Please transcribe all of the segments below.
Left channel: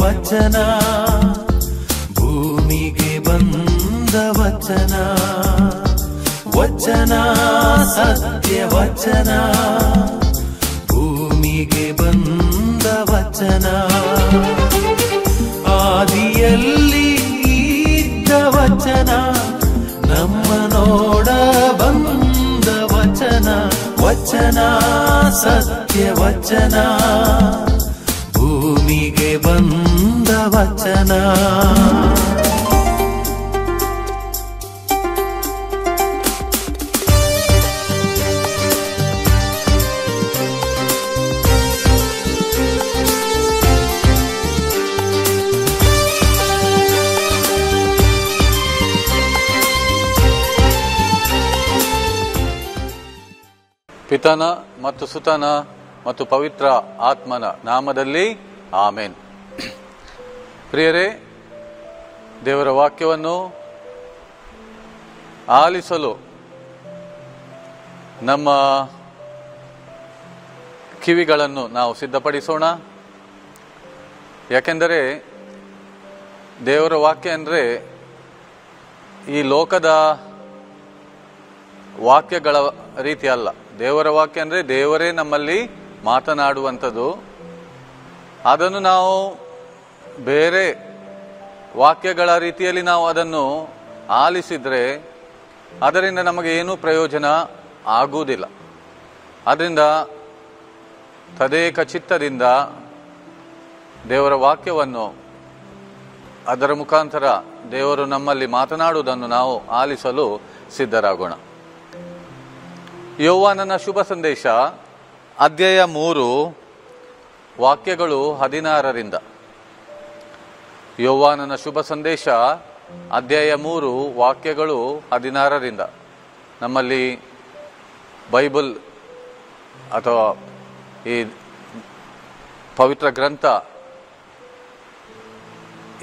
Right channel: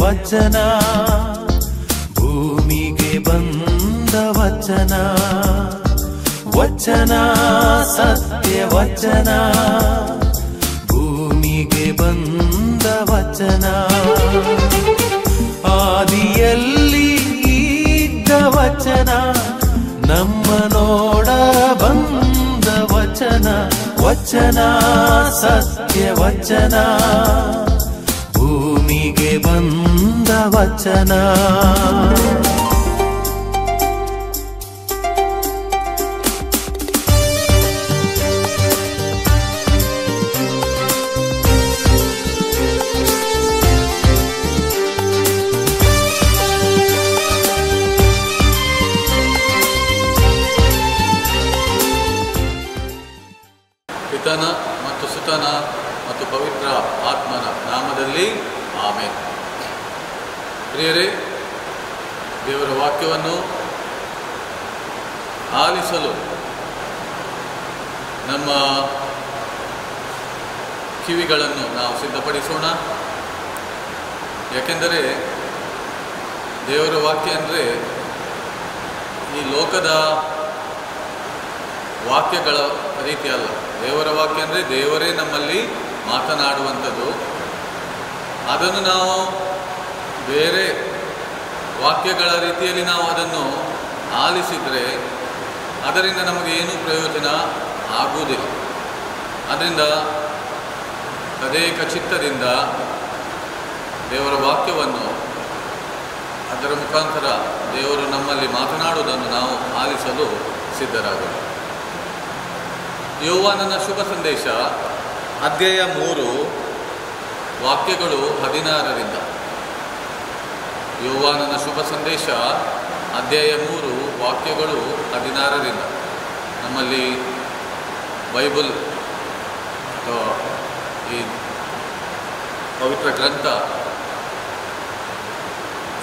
ವಚನ ಭೂಮಿಗೆ ಬಂದ ವಚನ ವಚನ ಸತ್ಯ ವಚನ ಭೂಮಿಗೆ ಬಂದ ವಚನ ಆದಿಯಲ್ಲಿ ಇದ್ದ ವಚನ ನಮ್ಮ ನೋಡ ಬಂದ ವಚನ ವಚನ ಸತ್ಯ ವಚನ ಭೂಮಿಗೆ ಬಂದ ವಚನ ಪಿತನ ಮತ್ತು ಸುತನ ಮತ್ತು ಪವಿತ್ರ ಆತ್ಮನ ನಾಮದಲ್ಲಿ ಆಮೆನ್. ಪ್ರಿಯರೇ, ದೇವರ ವಾಕ್ಯವನ್ನು ಆಲಿಸಲು ನಮ್ಮ ಕಿವಿಗಳನ್ನು ನಾವು ಸಿದ್ಧಪಡಿಸೋಣ. ಯಾಕೆಂದರೆ ದೇವರ ವಾಕ್ಯ ಅಂದರೆ ಈ ಲೋಕದ ವಾಕ್ಯಗಳ ರೀತಿ ಅಲ್ಲ. ದೇವರ ವಾಕ್ಯ ಅಂದರೆ ದೇವರೇ ನಮ್ಮಲ್ಲಿ ಮಾತನಾಡುವಂಥದ್ದು. ಅದನ್ನು ನಾವು ಬೇರೆ ವಾಕ್ಯಗಳ ರೀತಿಯಲ್ಲಿ ನಾವು ಅದನ್ನು ಆಲಿಸಿದರೆ ಅದರಿಂದ ನಮಗೆ ಏನೂ ಪ್ರಯೋಜನ ಆಗುವುದಿಲ್ಲ. ಆದ್ದರಿಂದ ತದೇಕ ಚಿತ್ತದಿಂದ ದೇವರ ವಾಕ್ಯವನ್ನು ಅದರ ಮುಖಾಂತರ ದೇವರು ನಮ್ಮಲ್ಲಿ ಮಾತನಾಡುವುದನ್ನು ನಾವು ಆಲಿಸಲು ಸಿದ್ಧರಾಗೋಣ. ಯೋಹಾನನ ಶುಭ ಸಂದೇಶ ಅಧ್ಯಾಯ 3 ವಾಕ್ಯಗಳು 16ರಿಂದ. ಯೋಹಾನನ ಶುಭ ಸಂದೇಶ ಅಧ್ಯಾಯ 3 ವಾಕ್ಯಗಳು 16ರಿಂದ. ನಮ್ಮಲ್ಲಿ ಬೈಬಲ್ ಅಥವಾ ಈ ಪವಿತ್ರ ಗ್ರಂಥ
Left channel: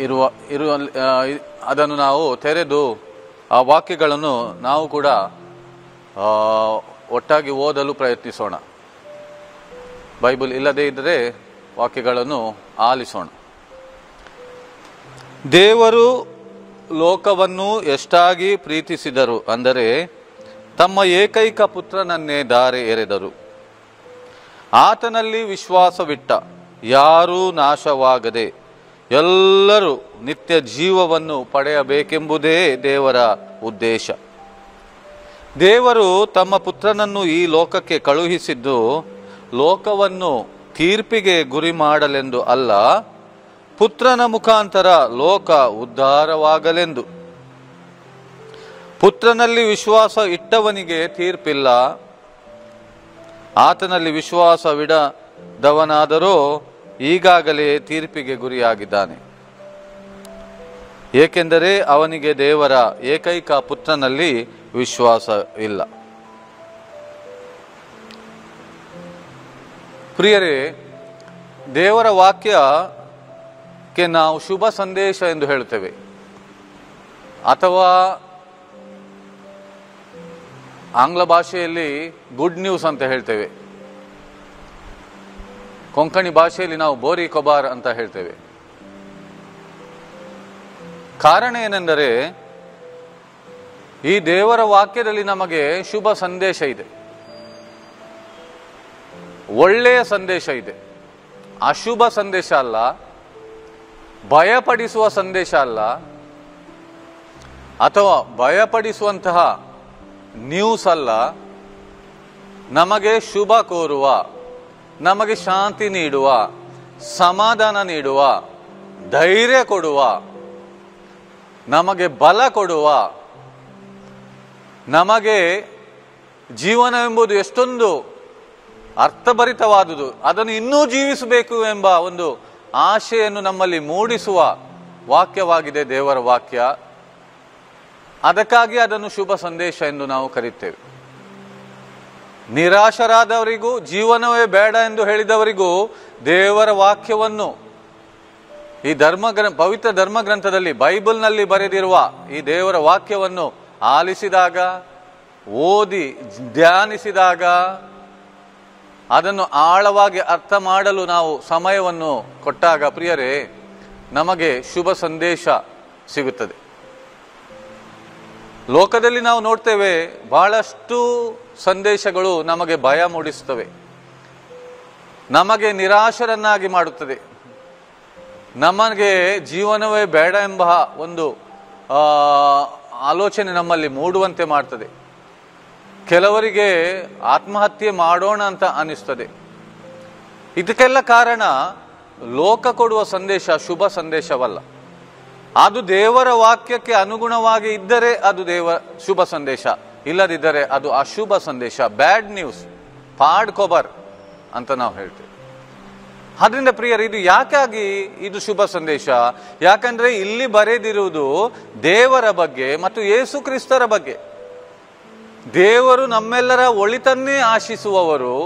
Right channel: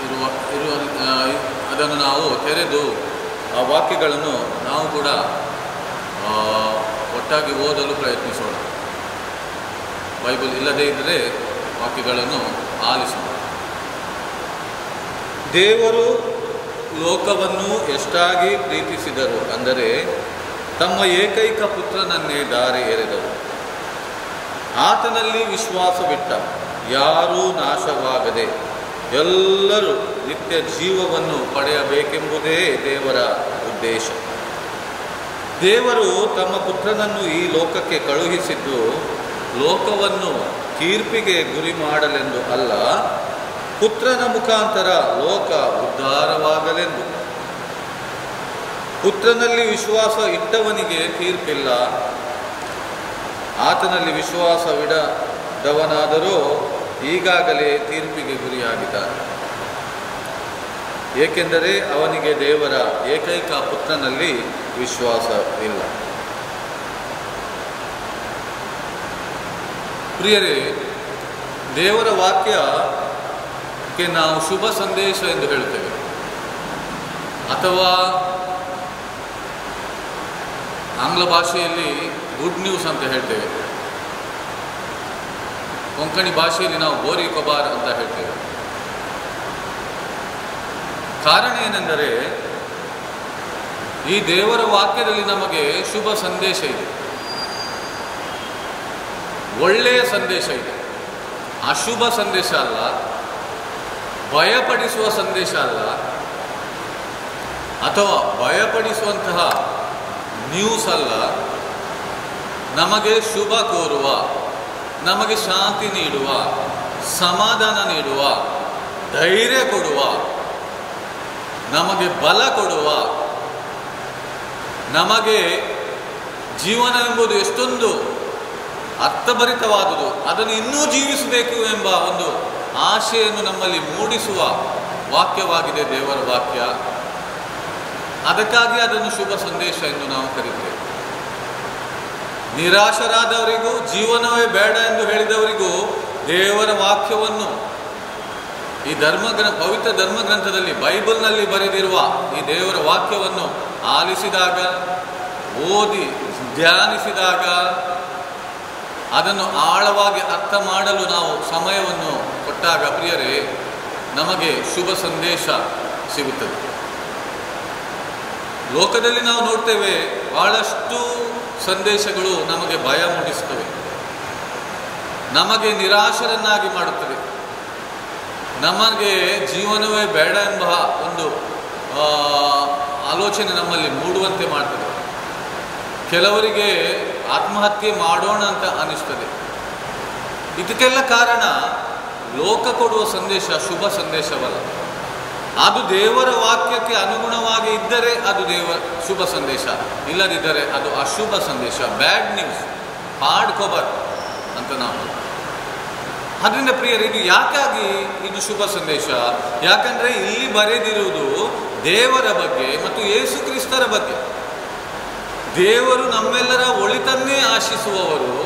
ಇರುವ ಅದನ್ನು ನಾವು ತೆರೆದು ಆ ವಾಕ್ಯಗಳನ್ನು ನಾವು ಕೂಡ ಒಟ್ಟಾಗಿ ಓದಲು ಪ್ರಯತ್ನಿಸೋಣ. ಬೈಬಲ್ ಇಲ್ಲದೇ ಇದ್ದರೆ ವಾಕ್ಯಗಳನ್ನು ಆಲಿಸೋಣ. ದೇವರು ಲೋಕವನ್ನು ಎಷ್ಟಾಗಿ ಪ್ರೀತಿಸಿದರು ಅಂದರೆ ತಮ್ಮ ಏಕೈಕ ಪುತ್ರನನ್ನೇ ದಾರಿ ಎರೆದರು. ಆತನಲ್ಲಿ ವಿಶ್ವಾಸವಿಟ್ಟ ಯಾರೂ ನಾಶವಾಗದೆ ಎಲ್ಲರೂ ನಿತ್ಯ ಜೀವವನ್ನು ಪಡೆಯಬೇಕೆಂಬುದೇ ದೇವರ ಉದ್ದೇಶ. ದೇವರು ತಮ್ಮ ಪುತ್ರನನ್ನು ಈ ಲೋಕಕ್ಕೆ ಕಳುಹಿಸಿದ್ದು ಲೋಕವನ್ನು ತೀರ್ಪಿಗೆ ಗುರಿ ಮಾಡಲೆಂದು ಅಲ್ಲ, ಪುತ್ರನ ಮುಖಾಂತರ ಲೋಕ ಉದ್ಧಾರವಾಗಲೆಂದು. ಪುತ್ರನಲ್ಲಿ ವಿಶ್ವಾಸ ಇಟ್ಟವನಿಗೆ ತೀರ್ಪಿಲ್ಲ. ಆತನಲ್ಲಿ ವಿಶ್ವಾಸವಿಡದವನಾದರೂ ಈಗಾಗಲೇ ತೀರ್ಪಿಗೆ ಗುರಿಯಾಗಿದ್ದಾನೆ. ಏಕೆಂದರೆ ಅವನಿಗೆ ದೇವರ ಏಕೈಕ ಪುತ್ರನಲ್ಲಿ ವಿಶ್ವಾಸ ಇಲ್ಲ. ಪ್ರಿಯರೇ, ದೇವರ ವಾಕ್ಯಕ್ಕೆ ನಾವು ಶುಭ ಸಂದೇಶ ಎಂದು ಹೇಳ್ತೇವೆ, ಅಥವಾ ಆಂಗ್ಲ ಭಾಷೆಯಲ್ಲಿ ಗುಡ್ ನ್ಯೂಸ್ ಅಂತ ಹೇಳ್ತೇವೆ. ಕೊಂಕಣಿ ಭಾಷೆಯಲ್ಲಿ ನಾವು ಬೋರಿ ಕೊಬಾರ್ ಅಂತ ಹೇಳ್ತೇವೆ. ಕಾರಣ ಏನೆಂದರೆ ಈ ದೇವರ ವಾಕ್ಯದಲ್ಲಿ ನಮಗೆ ಶುಭ ಸಂದೇಶ ಇದೆ, ಒಳ್ಳೆಯ ಸಂದೇಶ ಇದೆ. ಅಶುಭ ಸಂದೇಶ ಅಲ್ಲ, ಭಯಪಡಿಸುವ ಸಂದೇಶ ಅಲ್ಲ, ಅಥವಾ ಭಯಪಡಿಸುವಂತಹ ನ್ಯೂಸ್ ಅಲ್ಲ. ನಮಗೆ ಶುಭ ಕೋರುವ, ನಮಗೆ ಶಾಂತಿ ನೀಡುವ, ಸಮಾಧಾನ ನೀಡುವ, ಧೈರ್ಯ ಕೊಡುವ, ನಮಗೆ ಬಲ ಕೊಡುವ, ನಮಗೆ ಜೀವನ ಎಂಬುದು ಎಷ್ಟೊಂದು ಅರ್ಥಭರಿತವಾದುದು, ಅದನ್ನು ಇನ್ನೂ ಜೀವಿಸಬೇಕು ಎಂಬ ಒಂದು ಆಶೆಯನ್ನು ನಮ್ಮಲ್ಲಿ ಮೂಡಿಸುವ ವಾಕ್ಯವಾಗಿದೆ ದೇವರ ವಾಕ್ಯ. ಅದಕ್ಕಾಗಿ ಅದನ್ನು ಶುಭ ಸಂದೇಶ ಎಂದು ನಾವು ಕರೀತೇವೆ. ನಿರಾಶರಾದವರಿಗೂ, ಜೀವನವೇ ಬೇಡ ಎಂದು ಹೇಳಿದವರಿಗೂ ದೇವರ ವಾಕ್ಯವನ್ನು, ಈ ಪವಿತ್ರ ಧರ್ಮಗ್ರಂಥದಲ್ಲಿ ಬೈಬಲ್ನಲ್ಲಿ ಬರೆದಿರುವ ಈ ದೇವರ ವಾಕ್ಯವನ್ನು ಆಲಿಸಿದಾಗ, ಓದಿ ಧ್ಯಾನಿಸಿದಾಗ, ಅದನ್ನು ಆಳವಾಗಿ ಅರ್ಥ ಮಾಡಲು ನಾವು ಸಮಯವನ್ನು ಕೊಟ್ಟಾಗ ಪ್ರಿಯರೇ, ನಮಗೆ ಶುಭ ಸಂದೇಶ ಸಿಗುತ್ತದೆ. ಲೋಕದಲ್ಲಿ ನಾವು ನೋಡ್ತೇವೆ, ಬಹಳಷ್ಟು ಸಂದೇಶಗಳು ನಮಗೆ ಭಯ ಮೂಡಿಸುತ್ತವೆ, ನಮಗೆ ನಿರಾಶರನ್ನಾಗಿ ಮಾಡುತ್ತದೆ, ನಮಗೆ ಜೀವನವೇ ಬೇಡ ಎಂಬ ಒಂದು ಆಲೋಚನೆ ನಮ್ಮಲ್ಲಿ ಮೂಡುವಂತೆ ಮಾಡ್ತದೆ. ಕೆಲವರಿಗೆ ಆತ್ಮಹತ್ಯೆ ಮಾಡೋಣ ಅಂತ ಅನಿಸ್ತದೆ. ಇದಕ್ಕೆಲ್ಲ ಕಾರಣ ಲೋಕ ಕೊಡುವ ಸಂದೇಶ ಶುಭ ಸಂದೇಶವಲ್ಲ. ಅದು ದೇವರ ವಾಕ್ಯಕ್ಕೆ ಅನುಗುಣವಾಗಿ ಇದ್ದರೆ ಅದು ಶುಭ ಸಂದೇಶ, ಇಲ್ಲದಿದ್ದರೆ ಅದು ಅಶುಭ ಸಂದೇಶ, ಬ್ಯಾಡ್ ನ್ಯೂಸ್, ಹಾರ್ಡ್ ಕವರ್ ಅಂತ ನಾವು ಹೇಳ್ತೀವಿ. ಅದರಿಂದ ಪ್ರಿಯರು, ಇದು ಯಾಕಾಗಿ ಇದು ಶುಭ ಸಂದೇಶ? ಯಾಕಂದ್ರೆ ಇಲ್ಲಿ ಬರೆದಿರುವುದು ದೇವರ ಬಗ್ಗೆ ಮತ್ತು ಯೇಸು ಕ್ರಿಸ್ತರ ಬಗ್ಗೆ. ದೇವರು ನಮ್ಮೆಲ್ಲರ ಒಳಿತನ್ನೇ ಆಶಿಸುವವರು,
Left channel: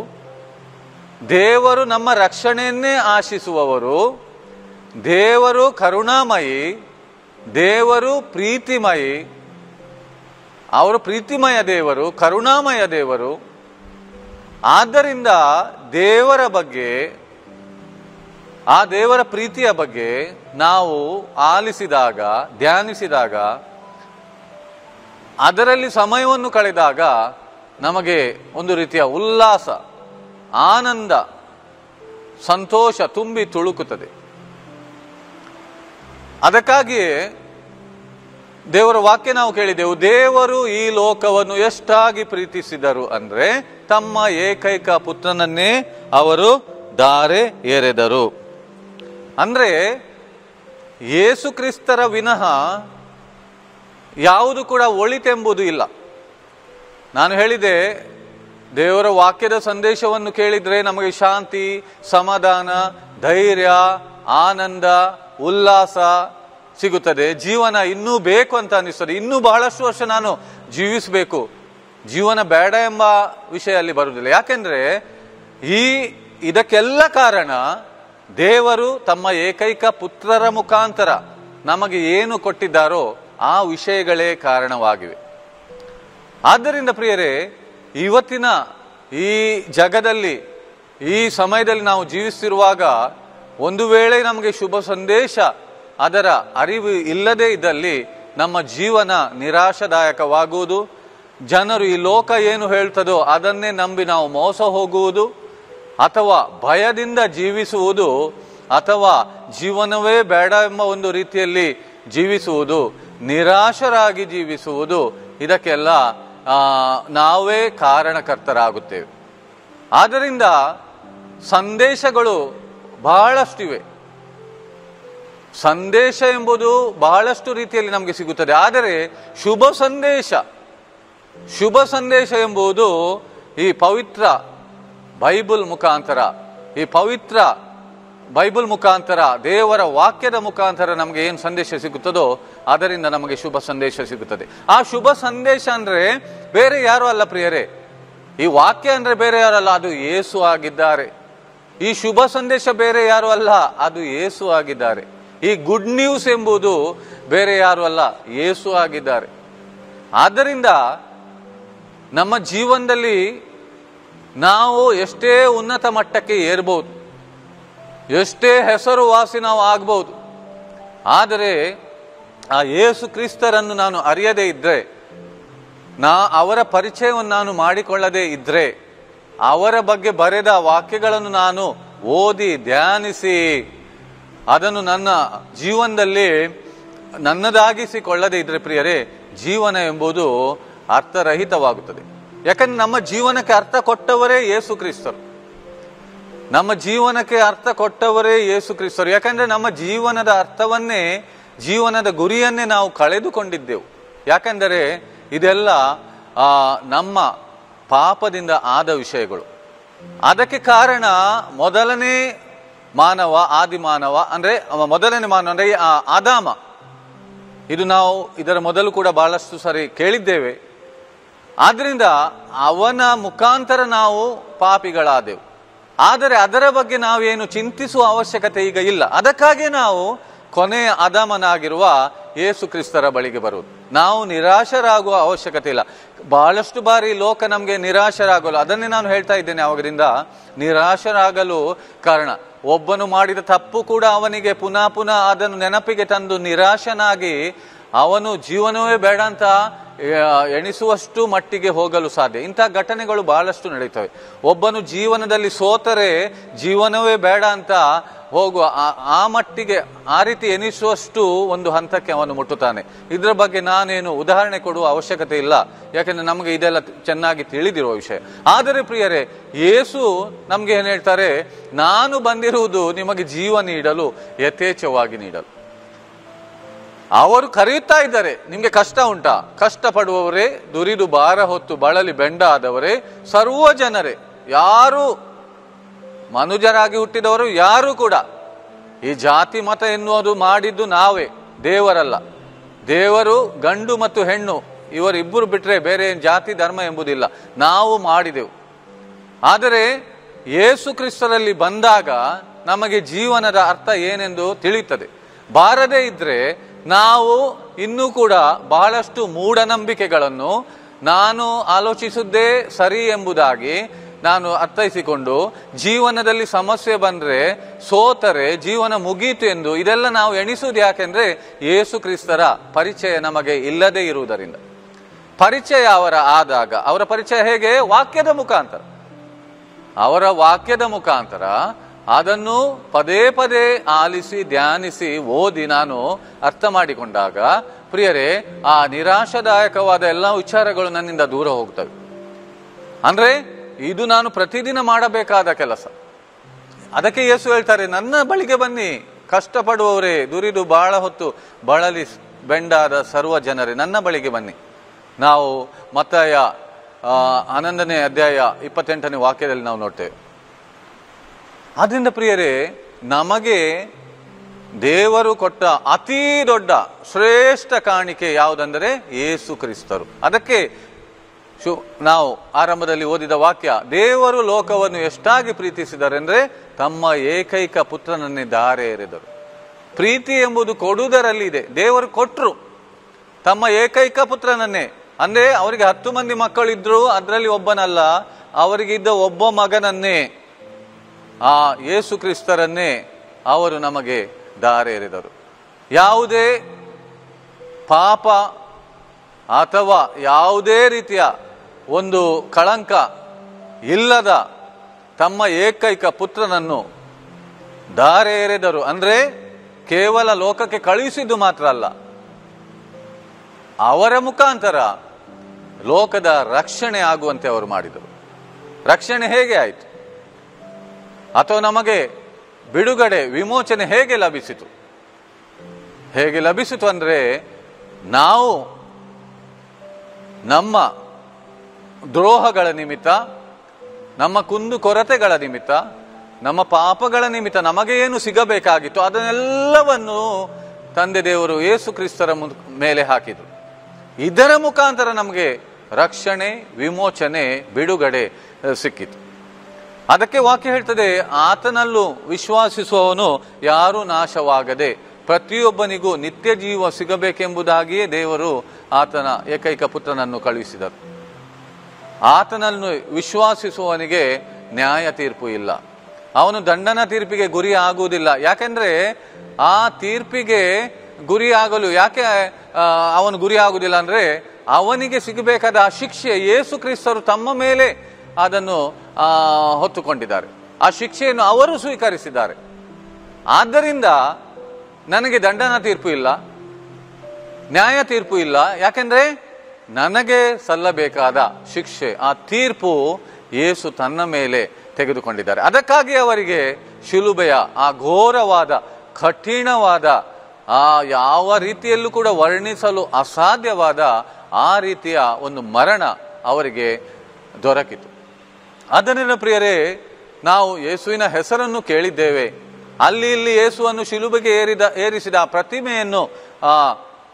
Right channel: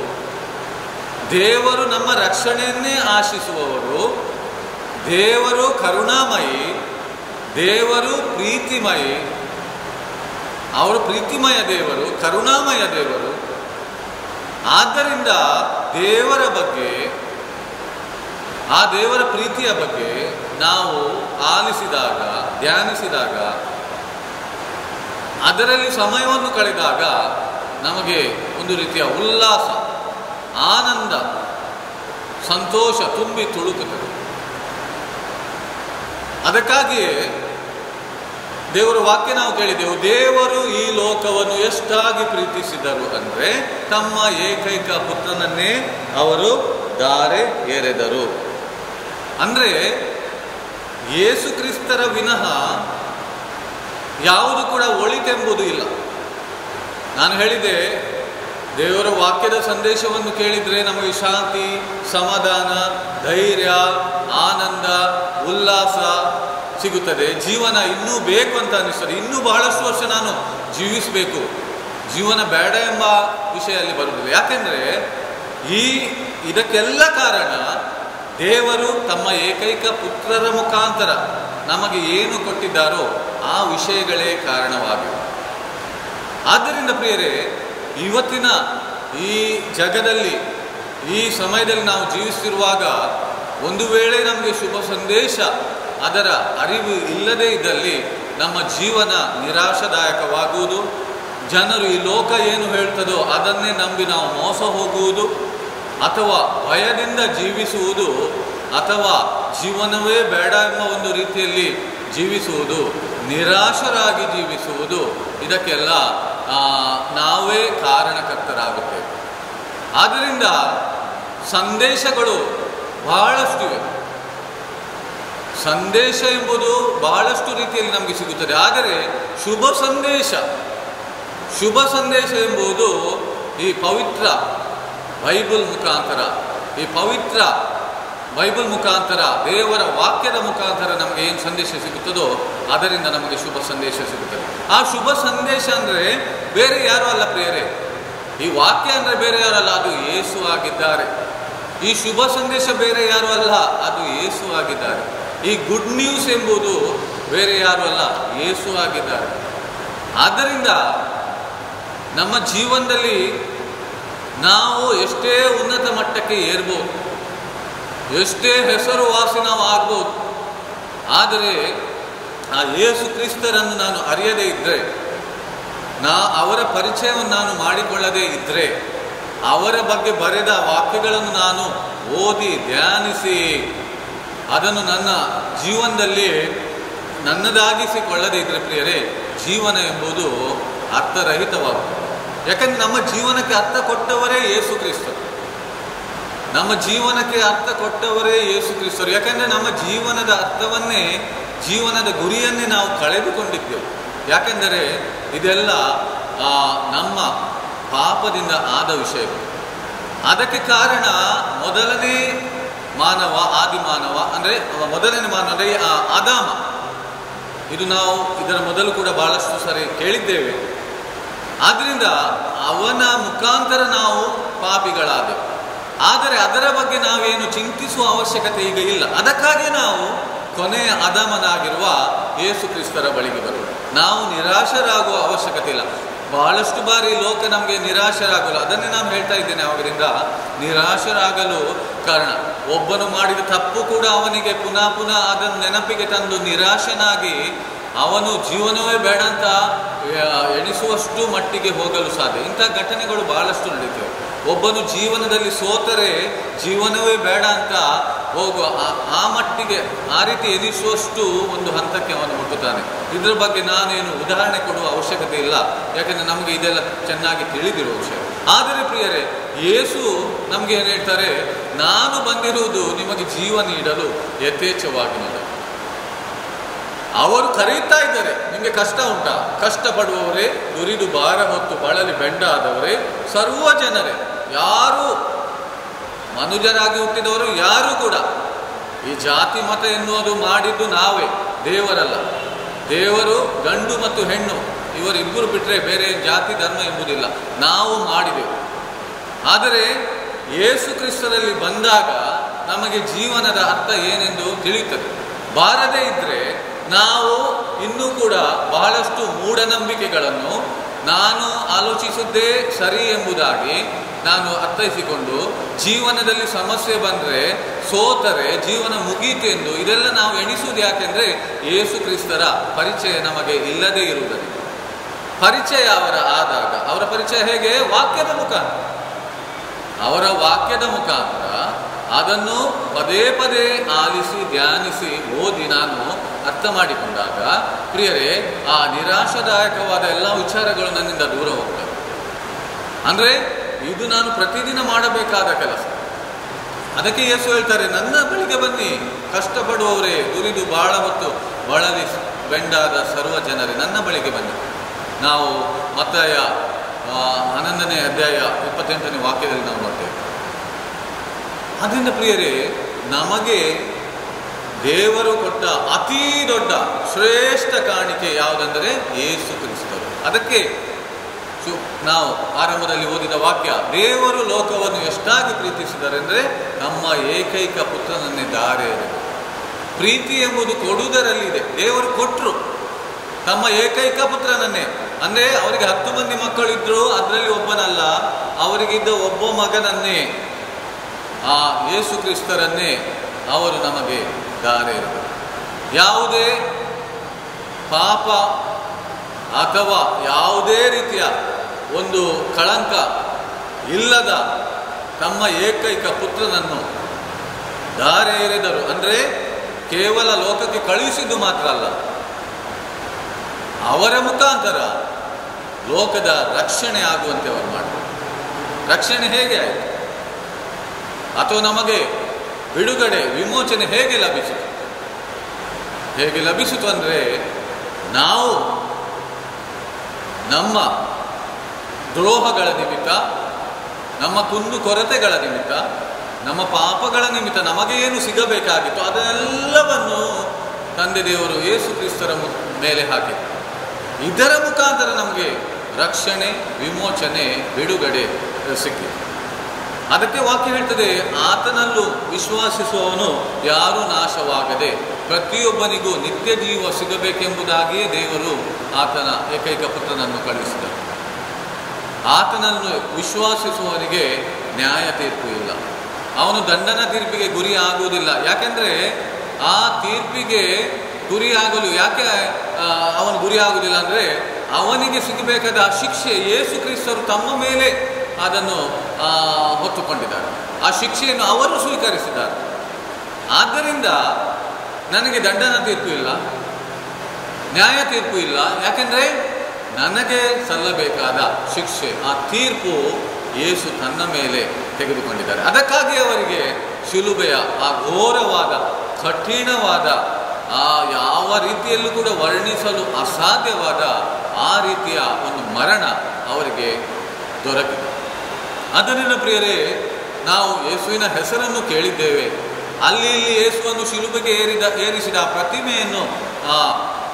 ದೇವರು ನಮ್ಮ ರಕ್ಷಣೆಯನ್ನೇ ಆಶಿಸುವವರು, ದೇವರು ಕರುಣಾಮಯಿ, ದೇವರು ಪ್ರೀತಿಮಯಿ. ಅವರು ಪ್ರೀತಿಮಯ ದೇವರು, ಕರುಣಾಮಯ ದೇವರು. ಆದ್ದರಿಂದ ದೇವರ ಬಗ್ಗೆ, ಆ ದೇವರ ಪ್ರೀತಿಯ ಬಗ್ಗೆ ನಾವು ಆಲಿಸಿದಾಗ, ಧ್ಯಾನಿಸಿದಾಗ, ಅದರಲ್ಲಿ ಸಮಯವನ್ನು ಕಳೆದಾಗ ನಮಗೆ ಒಂದು ರೀತಿಯ ಉಲ್ಲಾಸ, ಆನಂದ, ಸಂತೋಷ ತುಂಬಿ ತುಳುಕುತ್ತದೆ. ಅದಕ್ಕಾಗಿಯೇ ದೇವರ ವಾಕ್ಯ ನಾವು ಕೇಳಿದೆವು, ದೇವರು ಈ ಲೋಕವನ್ನು ಎಷ್ಟಾಗಿ ಪ್ರೀತಿಸಿದರು ಅಂದ್ರೆ ತಮ್ಮ ಏಕೈಕ ಪುತ್ರನನ್ನೇ ಅವರು ಧಾರೆ ಎರೆದರು. ಅಂದ್ರೆ ಯೇಸು ಕ್ರಿಸ್ತರ ವಿನಃ ಯಾವುದು ಕೂಡ ಒಳಿತೆಂಬುದು ಇಲ್ಲ. ನಾನು ಹೇಳಿದೆ, ದೇವರ ವಾಕ್ಯದ ಸಂದೇಶವನ್ನು ಕೇಳಿದ್ರೆ ನಮಗೆ ಶಾಂತಿ, ಸಮಾಧಾನ, ಧೈರ್ಯ, ಆನಂದ, ಉಲ್ಲಾಸ ಸಿಗುತ್ತದೆ. ಜೀವನ ಇನ್ನೂ ಬೇಕು ಅಂತ ಅನಿಸ್ತದೆ. ಇನ್ನೂ ಬಹಳಷ್ಟು ವರ್ಷ ನಾನು ಜೀವಿಸಬೇಕು, ಜೀವನ ಬೇಡ ಎಂಬ ವಿಷಯ ಅಲ್ಲಿ ಬರುವುದಿಲ್ಲ. ಯಾಕೆಂದ್ರೆ ಇದಕ್ಕೆಲ್ಲ ಕಾರಣ ದೇವರು ತಮ್ಮ ಏಕೈಕ ಪುತ್ರರ ಮುಖಾಂತರ ನಮಗೆ ಏನು ಕೊಟ್ಟಿದ್ದಾರೋ ಆ ವಿಷಯಗಳೇ ಕಾರಣವಾಗಿವೆ. ಆದ್ದರಿಂದ ಪ್ರಿಯರೇ, ಇವತ್ತಿನ ಈ ಜಗದಲ್ಲಿ, ಈ ಸಮಯದಲ್ಲಿ ನಾವು ಜೀವಿಸುತ್ತಿರುವಾಗ ಒಂದು ವೇಳೆ ನಮಗೆ ಶುಭ ಸಂದೇಶ ಅದರ ಅರಿವು ಇಲ್ಲದೇ ಇದ್ದಲ್ಲಿ ನಮ್ಮ ಜೀವನ ನಿರಾಶಾದಾಯಕವಾಗುವುದು, ಜನರು ಈ ಲೋಕ ಏನು ಹೇಳ್ತದೋ ಅದನ್ನೇ ನಂಬಿ ನಾವು ಮೋಸ ಹೋಗುವುದು, ಅಥವಾ ಭಯದಿಂದ ಜೀವಿಸುವುದು, ಅಥವಾ ಜೀವನವೇ ಬೇಡ ಎಂಬ ಒಂದು ರೀತಿಯಲ್ಲಿ ಜೀವಿಸುವುದು, ನಿರಾಶರಾಗಿ ಜೀವಿಸುವುದು, ಇದಕ್ಕೆಲ್ಲ ನಾವೇ ಕಾರಣಕರ್ತರಾಗುತ್ತೇವೆ. ಆದ್ದರಿಂದ ಸಂದೇಶಗಳು ಬಹಳಷ್ಟಿವೆ. ಸಂದೇಶ ಎಂಬುದು ಬಹಳಷ್ಟು ರೀತಿಯಲ್ಲಿ ನಮಗೆ ಸಿಗುತ್ತದೆ. ಆದರೆ ಶುಭ ಸಂದೇಶ ಎಂಬುದು ಈ ಪವಿತ್ರ ಬೈಬಲ್ ಮುಖಾಂತರ ದೇವರ ವಾಕ್ಯದ ಮುಖಾಂತರ ನಮಗೆ ಏನು ಸಂದೇಶ ಸಿಗುತ್ತದೋ ಅದರಿಂದ ನಮಗೆ ಶುಭ ಸಂದೇಶ ಸಿಗುತ್ತದೆ. ಆ ಶುಭ ಸಂದೇಶ ಅಂದ್ರೆ ಬೇರೆ ಯಾರು ಅಲ್ಲ ಪ್ರಿಯರೇ, ಈ ವಾಕ್ಯ ಅಂದ್ರೆ ಬೇರೆ ಯಾರು ಅಲ್ಲ, ಅದು ಯೇಸು ಆಗಿದ್ದಾರೆ. ಈ ಶುಭ ಸಂದೇಶ ಬೇರೆ ಯಾರು ಅಲ್ಲ, ಅದು ಯೇಸು ಆಗಿದ್ದಾರೆ. ಈ ಗುಡ್ ನ್ಯೂಸ್ ಎಂಬುದು ಬೇರೆ ಯಾರು ಅಲ್ಲ, ಯೇಸು ಆಗಿದ್ದಾರೆ. ಆದ್ದರಿಂದ ನಮ್ಮ ಜೀವನದಲ್ಲಿ ನಾವು ಎಷ್ಟೇ ಉನ್ನತ ಮಟ್ಟಕ್ಕೆ ಏರ್ಬೋದು, ಎಷ್ಟೇ ಹೆಸರುವಾಸಿ ನಾವು ಆಗ್ಬೋದು, ಆದರೆ ಆ ಯೇಸು ಕ್ರಿಸ್ತರನ್ನು ನಾನು ಅರಿಯದೇ ಇದ್ದರೆ, ಅವರ ಪರಿಚಯವನ್ನು ನಾನು ಮಾಡಿಕೊಳ್ಳದೇ ಇದ್ದರೆ, ಅವರ ಬಗ್ಗೆ ಬರೆದ ವಾಕ್ಯಗಳನ್ನು ನಾನು ಓದಿ ಧ್ಯಾನಿಸಿ ಅದನ್ನು ನನ್ನ ಜೀವನದಲ್ಲಿ ನನ್ನದಾಗಿಸಿಕೊಳ್ಳದೇ ಇದ್ದರೆ ಪ್ರಿಯರೇ, ಜೀವನ ಎಂಬುದು ಅರ್ಥರಹಿತವಾಗುತ್ತದೆ. ಯಾಕಂದ್ರೆ ನಮ್ಮ ಜೀವನಕ್ಕೆ ಅರ್ಥ ಕೊಟ್ಟವರೇ ಯೇಸು ಕ್ರಿಸ್ತರು. ನಮ್ಮ ಜೀವನಕ್ಕೆ ಅರ್ಥ ಕೊಟ್ಟವರೇ ಯೇಸು ಕ್ರಿಸ್ತರು. ಯಾಕಂದ್ರೆ ನಮ್ಮ ಜೀವನದ ಅರ್ಥವನ್ನೇ, ಜೀವನದ ಗುರಿಯನ್ನೇ ನಾವು ಕಳೆದುಕೊಂಡಿದ್ದೆವು. ಯಾಕಂದರೆ ಇದೆಲ್ಲ ನಮ್ಮ ಪಾಪದಿಂದ ಆದ ವಿಷಯಗಳು. ಅದಕ್ಕೆ ಕಾರಣ ಮೊದಲನೇ ಮಾನವ, ಆದಿಮಾನವ, ಅಂದರೆ ಮೊದಲನೇ ಮಾನವ ಅಂದರೆ ಆದಾಮ. ಇದು ನಾವು ಇದರ ಮೊದಲು ಕೂಡ ಬಹಳಷ್ಟು ಸರಿ ಕೇಳಿದ್ದೇವೆ. ಆದ್ರಿಂದ ಅವನ ಮುಖಾಂತರ ನಾವು ಪಾಪಿಗಳಾದೆವು. ಆದರೆ ಅದರ ಬಗ್ಗೆ ನಾವೇನು ಚಿಂತಿಸುವ ಅವಶ್ಯಕತೆ ಈಗ ಇಲ್ಲ. ಅದಕ್ಕಾಗಿ ನಾವು ಕೊನೆಯ ಆದಾಮನಾಗಿರುವ ಯೇಸು ಕ್ರಿಸ್ತರ ಬಳಿಗೆ ಬರುವುದು. ನಾವು ನಿರಾಶರಾಗುವ ಅವಶ್ಯಕತೆ ಇಲ್ಲ. ಬಹಳಷ್ಟು ಬಾರಿ ಲೋಕ ನಮಗೆ ನಿರಾಶರಾಗಲು, ಅದನ್ನೇ ನಾನು ಹೇಳ್ತಾ ಇದ್ದೇನೆ ಅವರಿಂದ, ನಿರಾಶರಾಗಲು ಕಾರಣ ಒಬ್ಬನು ಮಾಡಿದ ತಪ್ಪು ಕೂಡ ಅವನಿಗೆ ಪುನಃ ಪುನಃ ಅದನ್ನು ನೆನಪಿಗೆ ತಂದು ನಿರಾಶನಾಗಿ ಅವನು ಜೀವನವೇ ಬೇಡ ಅಂತ ಎಣಿಸುವಷ್ಟು ಮಟ್ಟಿಗೆ ಹೋಗಲು ಸಾಧ್ಯ. ಇಂಥ ಘಟನೆಗಳು ಬಹಳಷ್ಟು ನಡೀತವೆ. ಒಬ್ಬನು ಜೀವನದಲ್ಲಿ ಸೋತರೆ ಜೀವನವೇ ಬೇಡ ಅಂತ ಹೋಗುವ ಆ ಮಟ್ಟಿಗೆ, ಆ ರೀತಿ ಎನಿಸುವಷ್ಟು ಒಂದು ಹಂತಕ್ಕೆ ಅವನು ಮುಟ್ಟುತ್ತಾನೆ. ಇದರ ಬಗ್ಗೆ ನಾನೇನು ಉದಾಹರಣೆ ಕೊಡುವ ಅವಶ್ಯಕತೆ ಇಲ್ಲ, ಯಾಕಂದರೆ ನಮಗೆ ಇದೆಲ್ಲ ಚೆನ್ನಾಗಿ ತಿಳಿದಿರುವ ವಿಷಯ. ಆದರೆ ಪ್ರಿಯರೇ, ಯೇಸು ನಮಗೆ ಏನು ಹೇಳ್ತಾರೆ, ನಾನು ಬಂದಿರುವುದು ನಿಮಗೆ ಜೀವ ನೀಡಲು ಯಥೇಚ್ಛವಾಗಿ ನೀಡಲು. ಅವರು ಕರೀತಾ ಇದ್ದಾರೆ, ನಿಮಗೆ ಕಷ್ಟ ಉಂಟಾ? ಕಷ್ಟಪಡುವವರೇ, ದುರಿದು ಭಾರ ಹೊತ್ತು ಬಳಲಿ ಬೆಂಡಾದವರೇ, ಸರ್ವ ಜನರೇ, ಯಾರು ಮನುಜರಾಗಿ ಹುಟ್ಟಿದವರು ಯಾರೂ ಕೂಡ, ಈ ಜಾತಿ ಮತ ಎನ್ನುವುದು ಮಾಡಿದ್ದು ನಾವೇ, ದೇವರಲ್ಲ. ದೇವರು ಗಂಡು ಮತ್ತು ಹೆಣ್ಣು ಇವರಿಬ್ಬರು ಬಿಟ್ಟರೆ ಬೇರೆ ಜಾತಿ ಧರ್ಮ ಎಂಬುದಿಲ್ಲ, ನಾವು ಮಾಡಿದೆವು. ಆದರೆ ಯೇಸು ಕ್ರಿಸ್ತನಲ್ಲಿ ಬಂದಾಗ ನಮಗೆ ಜೀವನದ ಅರ್ಥ ಏನೆಂದು ತಿಳಿಯುತ್ತದೆ. ಬಾರದೇ ಇದ್ದರೆ ನಾವು ಇನ್ನೂ ಕೂಡ ಬಹಳಷ್ಟು ಮೂಢನಂಬಿಕೆಗಳನ್ನು ನಾನು ಆಲೋಚಿಸಿದ್ದೇ ಸರಿ ಎಂಬುದಾಗಿ ನಾನು ಅರ್ಥೈಸಿಕೊಂಡು ಜೀವನದಲ್ಲಿ ಸಮಸ್ಯೆ ಬಂದರೆ, ಸೋತರೆ ಜೀವನ ಮುಗೀತು ಎಂದು ಇದೆಲ್ಲ ನಾವು ಎಣಿಸುವುದು ಯಾಕೆಂದರೆ ಯೇಸು ಕ್ರಿಸ್ತರ ಪರಿಚಯ ನಮಗೆ ಇಲ್ಲದೇ ಇರುವುದರಿಂದ. ಪರಿಚಯ ಆದಾಗ ಅವರ ಪರಿಚಯ ಹೇಗೆ? ವಾಕ್ಯದ ಮುಖಾಂತರ. ಅವರ ವಾಕ್ಯದ ಮುಖಾಂತರ ಅದನ್ನು ಪದೇ ಪದೇ ಆಲಿಸಿ ಧ್ಯಾನಿಸಿ ಓದಿ ನಾನು ಅರ್ಥ ಮಾಡಿಕೊಂಡಾಗ ಪ್ರಿಯರೇ, ಆ ನಿರಾಶಾದಾಯಕವಾದ ಎಲ್ಲ ವಿಚಾರಗಳು ನನ್ನಿಂದ ದೂರ ಹೋಗ್ತವೆ. ಅಂದರೆ ಇದು ನಾನು ಪ್ರತಿದಿನ ಮಾಡಬೇಕಾದ ಕೆಲಸ. ಅದಕ್ಕೆ ಯೇಸು ಹೇಳ್ತಾರೆ, ನನ್ನ ಬಳಿಗೆ ಬನ್ನಿ ಕಷ್ಟಪಡುವವರೇ, ದುರಿದು ಬಹಳ ಹೊತ್ತು ಬಳಲಿ ಬೆಂಡಾದ ಸರ್ವ ಜನರೇ, ನನ್ನ ಬಳಿಗೆ ಬನ್ನಿ. ನಾವು ಮತ್ತಾಯ 11ನೇ ಅಧ್ಯಾಯ 28ನೇ ವಾಕ್ಯದಲ್ಲಿ ನಾವು ನೋಡ್ತೇವೆ. ಆದ್ದರಿಂದ ಪ್ರಿಯರೇ, ನಮಗೆ ದೇವರು ಕೊಟ್ಟ ಅತೀ ದೊಡ್ಡ ಶ್ರೇಷ್ಠ ಕಾಣಿಕೆ ಯಾವುದೆಂದರೆ ಯೇಸು ಕ್ರಿಸ್ತರು. ಅದಕ್ಕೆ ನಾವು ಆರಂಭದಲ್ಲಿ ಓದಿದ ವಾಕ್ಯ, ದೇವರು ಲೋಕವನ್ನು ಎಷ್ಟಾಗಿ ಪ್ರೀತಿಸಿದರೆಂದರೆ ತಮ್ಮ ಏಕೈಕ ಪುತ್ರನನ್ನೇ ಧಾರೆ ಎರೆದರು. ಪ್ರೀತಿ ಎಂಬುದು ಕೊಡುವುದರಲ್ಲಿ ಇದೆ. ದೇವರು ಕೊಟ್ಟರು ತಮ್ಮ ಏಕೈಕ ಪುತ್ರನನ್ನೇ. ಅಂದರೆ ಅವರಿಗೆ 10 ಮಂದಿ ಮಕ್ಕಳಿದ್ರು, ಅದರಲ್ಲಿ ಒಬ್ಬನಲ್ಲ, ಅವರಿಗಿದ್ದ ಒಬ್ಬ ಮಗನನ್ನೇ, ಆ ಯೇಸು ಕ್ರಿಸ್ತರನ್ನೇ ಅವರು ನಮಗೆ ಧಾರೆ ಎರೆದರು. ಯಾವುದೇ ಪಾಪ ಅಥವಾ ಯಾವುದೇ ರೀತಿಯ ಒಂದು ಕಳಂಕ ಇಲ್ಲದ ತಮ್ಮ ಏಕೈಕ ಪುತ್ರನನ್ನು ಧಾರೆ ಎರೆದರು. ಅಂದರೆ ಕೇವಲ ಲೋಕಕ್ಕೆ ಕಳುಹಿಸಿದ್ದು ಮಾತ್ರ ಅಲ್ಲ, ಅವರ ಮುಖಾಂತರ ಲೋಕದ ರಕ್ಷಣೆ ಆಗುವಂತೆ ಅವರು ಮಾಡಿದರು. ರಕ್ಷಣೆ ಹೇಗೆ ಆಯಿತು? ಅಥವಾ ನಮಗೆ ಬಿಡುಗಡೆ, ವಿಮೋಚನೆ ಹೇಗೆ ಲಭಿಸಿತು? ಹೇಗೆ ಲಭಿಸಿತು ಅಂದರೆ, ನಾವು ನಮ್ಮ ದ್ರೋಹಗಳ ನಿಮಿತ್ತ, ನಮ್ಮ ಕುಂದು ಕೊರತೆಗಳ ನಿಮಿತ್ತ, ನಮ್ಮ ಪಾಪಗಳ ನಿಮಿತ್ತ ನಮಗೆ ಏನು ಸಿಗಬೇಕಾಗಿತ್ತು ಅದನ್ನೆಲ್ಲವನ್ನು ತಂದೆ ದೇವರು ಯೇಸು ಕ್ರಿಸ್ತರ ಮೇಲೆ ಹಾಕಿತು. ಇದರ ಮುಖಾಂತರ ನಮಗೆ ರಕ್ಷಣೆ, ವಿಮೋಚನೆ, ಬಿಡುಗಡೆ ಸಿಕ್ಕಿತು. ಅದಕ್ಕೆ ವಾಕ್ಯ ಹೇಳ್ತದೆ, ಆತನಲ್ಲೂ ವಿಶ್ವಾಸಿಸುವವನು ಯಾರೂ ನಾಶವಾಗದೆ ಪ್ರತಿಯೊಬ್ಬನಿಗೂ ನಿತ್ಯ ಜೀವ ಸಿಗಬೇಕೆಂಬುದಾಗಿಯೇ ದೇವರು ಆತನ ಏಕೈಕ ಪುತ್ರನನ್ನು ಕಳುಹಿಸಿದರು. ಆತನನ್ನು ವಿಶ್ವಾಸಿಸುವವನಿಗೆ ನ್ಯಾಯ ತೀರ್ಪು ಇಲ್ಲ, ಅವನು ದಂಡನ ತೀರ್ಪಿಗೆ ಗುರಿ ಆಗುವುದಿಲ್ಲ. ಯಾಕೆಂದರೆ ಆ ತೀರ್ಪಿಗೆ ಗುರಿಯಾಗಲು ಯಾಕೆ ಅವನು ಗುರಿ ಆಗುವುದಿಲ್ಲ ಅಂದರೆ, ಅವನಿಗೆ ಸಿಗಬೇಕಾದ ಆ ಶಿಕ್ಷೆ ಯೇಸು ಕ್ರಿಸ್ತರು ತಮ್ಮ ಮೇಲೆ ಅದನ್ನು ಹೊತ್ತುಕೊಂಡಿದ್ದಾರೆ. ಆ ಶಿಕ್ಷೆಯನ್ನು ಅವರು ಸ್ವೀಕರಿಸಿದ್ದಾರೆ. ಆದ್ದರಿಂದ ನನಗೆ ದಂಡನ ತೀರ್ಪು ಇಲ್ಲ, ನ್ಯಾಯ ತೀರ್ಪು ಇಲ್ಲ. ಯಾಕೆಂದರೆ ನನಗೆ ಸಲ್ಲಬೇಕಾದ ಶಿಕ್ಷೆ, ಆ ತೀರ್ಪು ಯೇಸು ತನ್ನ ಮೇಲೆ ತೆಗೆದುಕೊಂಡಿದ್ದಾರೆ. ಅದಕ್ಕಾಗಿ ಅವರಿಗೆ ಶಿಲುಬೆಯ ಆ ಘೋರವಾದ, ಕಠಿಣವಾದ, ಆ ಯಾವ ರೀತಿಯಲ್ಲೂ ಕೂಡ ವರ್ಣಿಸಲು ಅಸಾಧ್ಯವಾದ ಆ ರೀತಿಯ ಒಂದು ಮರಣ ಅವರಿಗೆ ದೊರಕಿತು. ಅದನ್ನೆಲ್ಲ ಪ್ರಿಯರೇ, ನಾವು ಯೇಸುವಿನ ಹೆಸರನ್ನು ಕೇಳಿದ್ದೇವೆ. ಅಲ್ಲಿ ಇಲ್ಲಿ ಯೇಸುವನ್ನು ಶಿಲುಬೆಗೆ ಏರಿಸಿದ ಆ ಪ್ರತಿಮೆಯನ್ನು, ಆ